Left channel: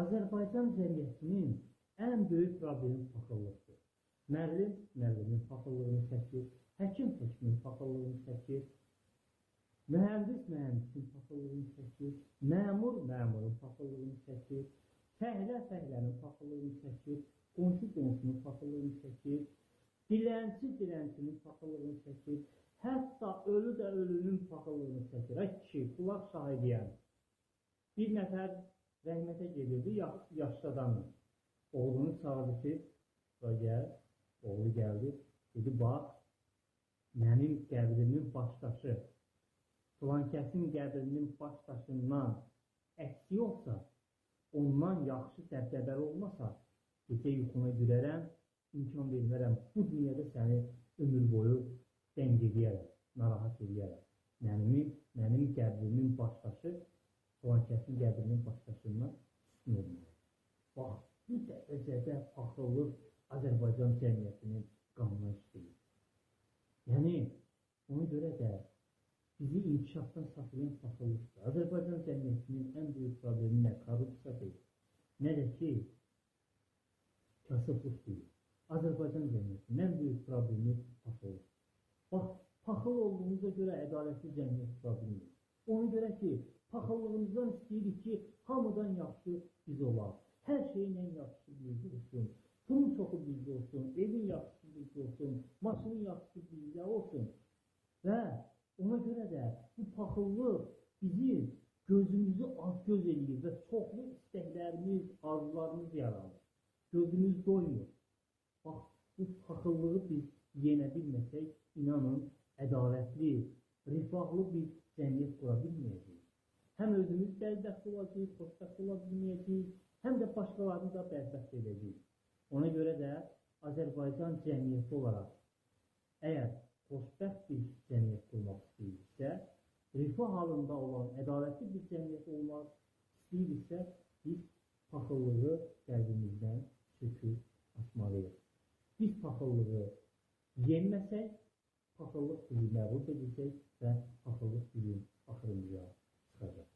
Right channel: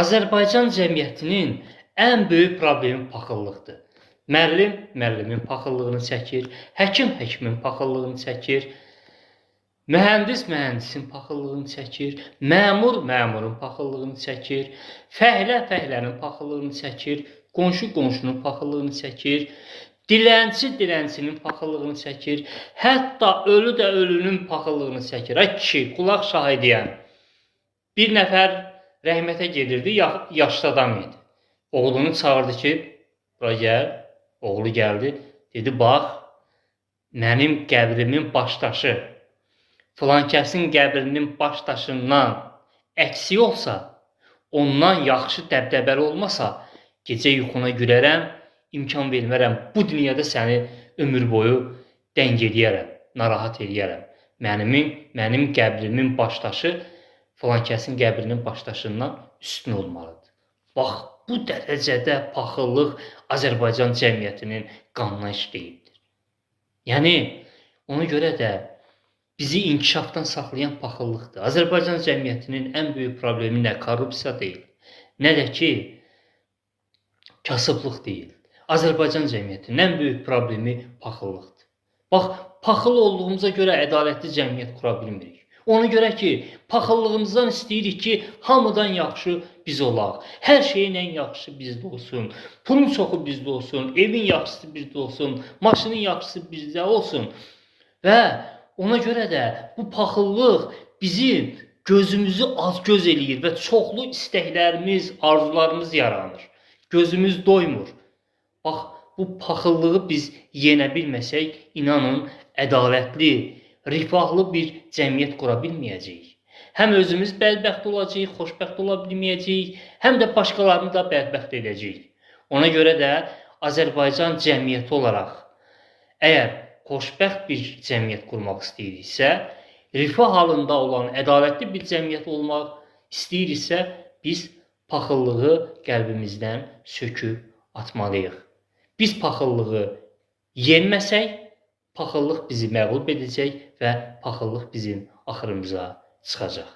Azərbaycan cəmiyyətinin ən böyük problemi paxıllıqdır. Müəllim müəllimin paxıllığını çəkir, həkim həkimin paxıllığını çəkir, mühəndis mühəndisin paxıllığını çəkir, məmur məmurun paxıllığını çəkir, fəhlə fəhlənin paxıllığını çəkir, qonşu qonşunun paxıllığını çəkir, dilənçi dilənçinin paxıllığını çəkir, hətta ölü də ölünün paxıllığını çəkir. Ay kişi, qulaq şahidiyəm. Bir nəfər rəhmətə gedirdi, yaşlı adam idi. Oğlunu çağırdı ki, bura gəl. Oğlu gəldi, dedi, bax, mənim qəbrimin başdaşı, filankəsin qəbrinin başdaşından əksik olsa, ondan yaxşı dəbdəbəli olmasa, gecə yuxuna gürərəm, imkan vermərəm, bu dünyada səni ömür boyu dəng eləyərəm, narahat eləyərəm. Mənim qəbrimin başdaşı filankəsin qəbrinin başdaşından üstün olmalıdır. Bax, bu dərəcədə paxıllıq Azərbaycan cəmiyyətinin qanına işləyibdir. Yəni, ona görə də bizi inkişafdan saxlayan paxıllıqdır. Azərbaycan cəmiyyətinin ən böyük problemi nə korrupsiya deyil, nə də ki, kasıblıq deyil. Azərbaycan cəmiyyətinin ən böyük problemi paxıllıqdır. Bax, paxıl olduğumuza görə ədalətli cəmiyyət qura bilmirik. Ona görə ki, paxıllığımızdan istəyirik ki, hamıdan yaxşı biz olaq. Hər şeyin ən yaxşısı bizdə olsun. Pulun çoxu bizdə olsun, evin yaxşısı bizdə olsun, maşının yaxşısı bizdə olsun. Və ona görə də bu paxıllıq bizim gözümüzü az-göz eləyir və çoxlu istəklərimiz, arzularımız yaranır. Gözümüz doymur. Bax, bu paxıllığı biz yenə bilməsək, inanın, ədalətli, rifahlı bir cəmiyyət qura bilməyəcəyik. Həm özümüz bədbəxt olacağıq, xoşbəxt ola bilməyəcəyik, həm də başqalarını da bədbəxt edəcəyik. Ona görə də Azərbaycan cəmiyyəti olaraq, əgər xoşbəxt bir cəmiyyət qurmaq istəyiriksə, rifah halında olan ədalətli bir cəmiyyət olmaq istəyiriksə, biz paxıllığı qəlbimizdən söküb atmalıyıq. Biz paxıllığı yenməsək, paxıllıq bizi məğlub edəcək və paxıllıq bizim axırımıza çıxacaq.